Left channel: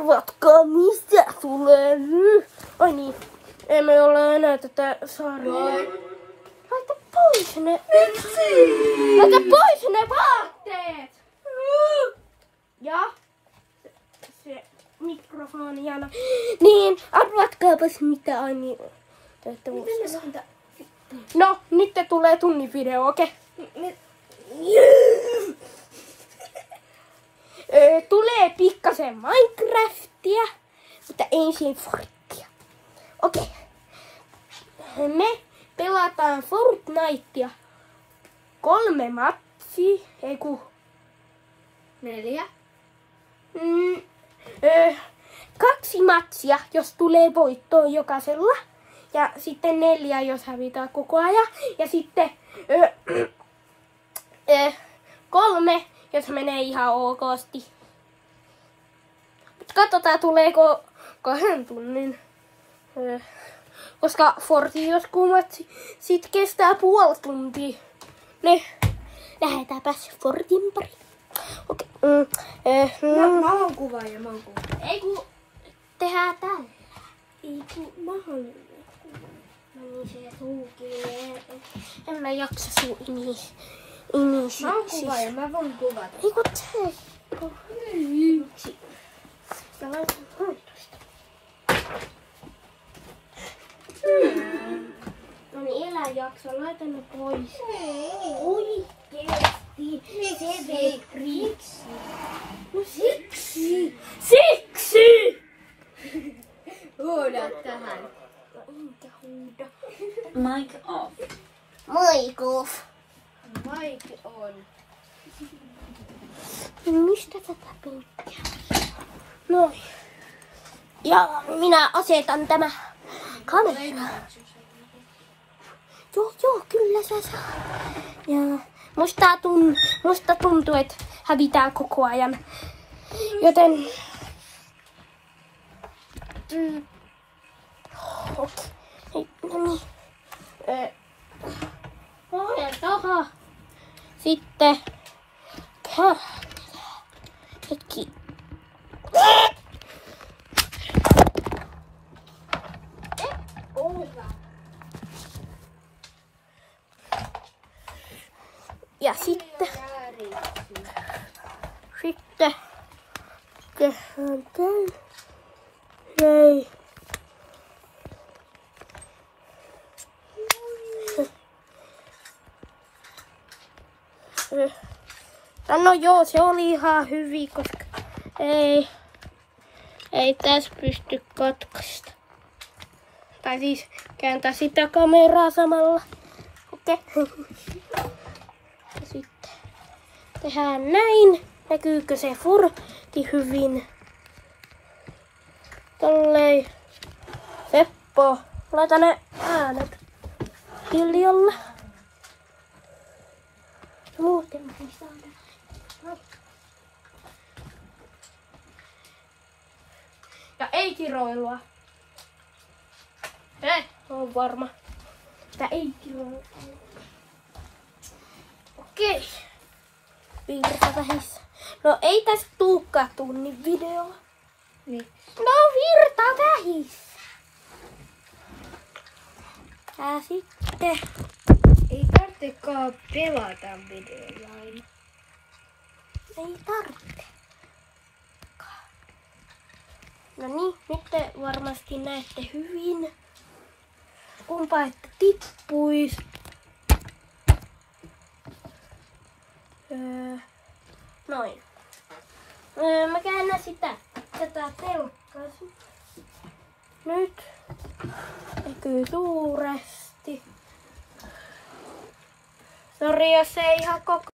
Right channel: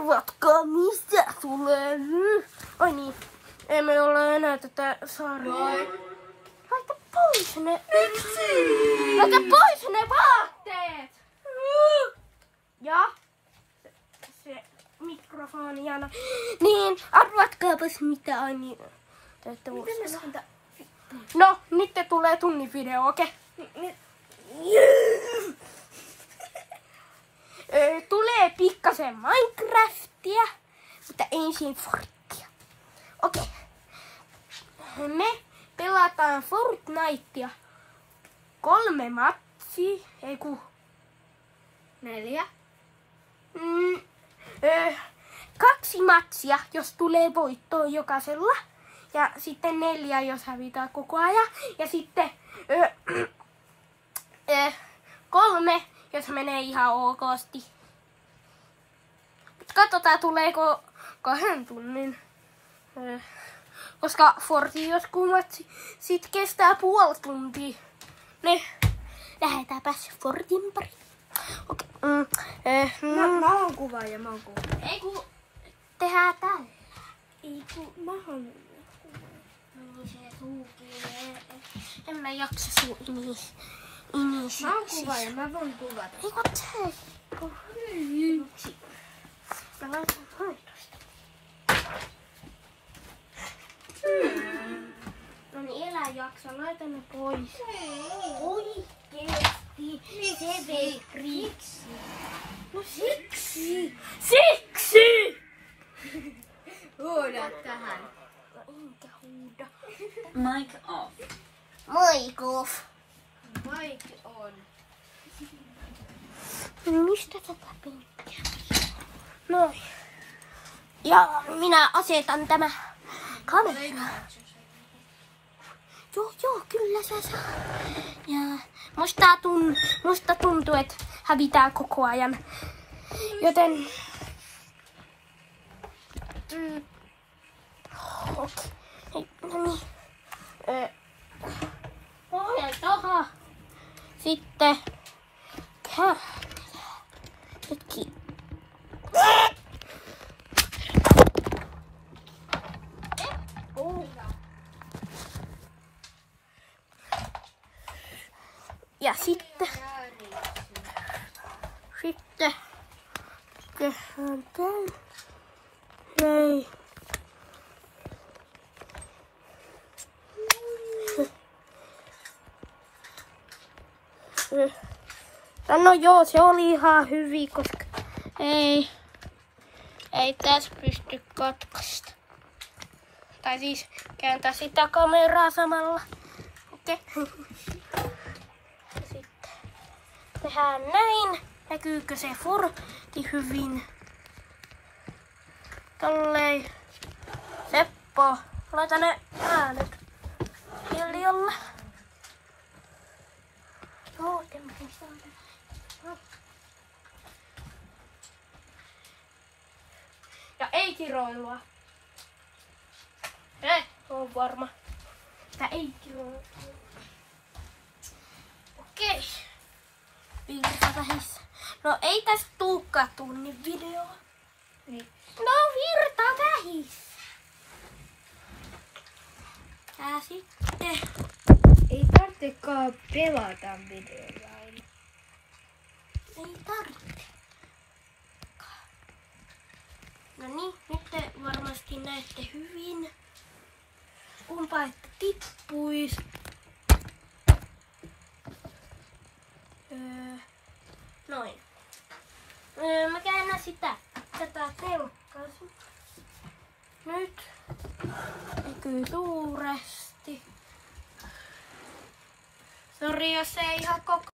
Arvatkaa, mistä tulee nyt? Ai niin, emme ole enää tätä sarjaa. Laita pois ne. Laita pois ne vaatteet! Ja se mikrofoni Jana. Niin, arvatkaapas mitä Ani teette uudestaan. No, nyt tulee tunnin video, okei? Tulee pikkasen Minecraftia, mutta ensin Fortnitea. Okei. Me pelataan Fortnitea 3 matsia, 4. 2 matsia, jos tulee voittoa jokaisella. Ja sitten 4, jos hävitään koko ajan. Ja sitten 3, jos menee ihan okosti. Katsotaan tuleeko 2 tunnin. Koska Forti joskus matsi sit kestää puoli tuntia. Ne lähdetäänpäs Fortin pari. Okei. Mä oon kuvaaja, Ei kun tehdään tällä. Ei kun mä oon Meni se suukin. En mä jaksa suu inis. Mä oon kuvaaja, mä voin kuvata. Ei kun tee. Mä laitan hoitosta. No niin, elä jaksa. Laita ne pois. Oikeesti. Se vei kriksi. No siksi. Siksi! Huuda tähän. No enkä huuda. Mic off. Mic off. Mic on. Mistä tätä penkkiä? Noin. Ja minä asetan tämä kamera. Joo, kyllä sä saa. Ja musta tuntuu, että hävitään koko ajan. Joten okei. No niin. Pohjan taha. Sitten hetki. Ja sitten tehdään tän. Näin. No joo, se oli ihan hyvin, koska ei tässä pysty katkaista. Tai siis kääntää sitä kameraa samalla. Okei. Sitten tehdään näin. Näkyykö se Forti hyvin? Tolleen. Seppo, laita ne äänet hiljalle. Muuten ja ei kiroilua. On varma. Tää ei kiroilua. Okei. Virta vähissä. No ei tästä tuukaan tunnin video. Niin. No virta vähissä. Ja sitten Ei tarvitsekaan pelata videolla. ei tarvitse. No niin, nyt te varmasti näette hyvin. Kumpa että tippuis. Noin. Mä käännän tätä telkkaa. Nyt näkyy suuresti. Sori jos ei ihan koko